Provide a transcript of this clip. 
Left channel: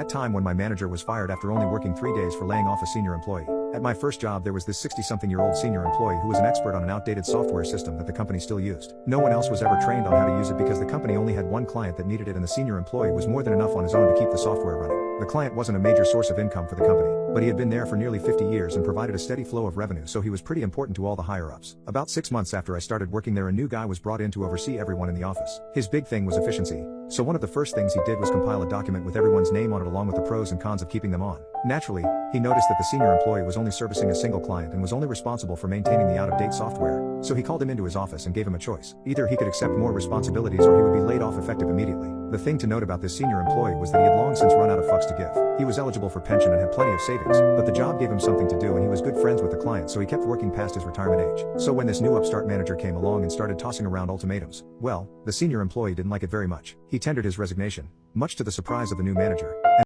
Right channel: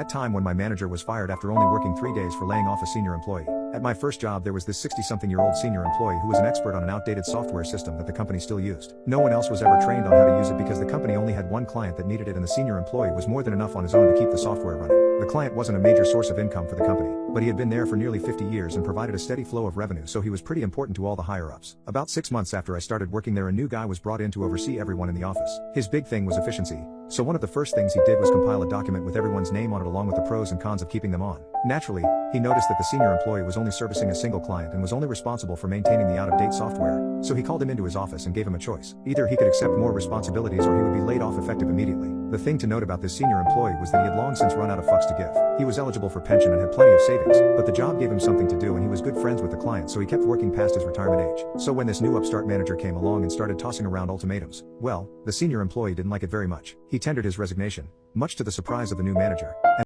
That time when my manager was fired after only working 3 days for laying off a senior employee. At my first job there was this 60-something-year-old senior employee who was an expert on an outdated software system that the company still used. No one else was ever trained on how to use it because the company only had one client that needed it, and the senior employee was more than enough on his own to keep the software running. The client wasn't a major source of income for the company, but he had been there for nearly 50 years and provided a steady flow of revenue, so he was pretty important to all the higher-ups. About 6 months after I started working there, a new guy was brought in to oversee everyone in the office. His big thing was efficiency, so one of the first things he did was compile a document with everyone's name on it along with the pros and cons of keeping them on. Naturally, he noticed that the senior employee was only servicing a single client and was only responsible for maintaining the out-of-date software, so he called him into his office and gave him a choice. Either he could accept more responsibilities or he would be laid off effective immediately. The thing to note about this senior employee was that he had long since run out of fucks to give. He was eligible for pension and had plenty of savings, but the job gave him something to do and he was good friends with the client, so he kept working past his retirement age. So when this new upstart manager came along and started tossing around ultimatums, well, the senior employee didn't like it very much. He tendered his resignation, much to the surprise of the new manager.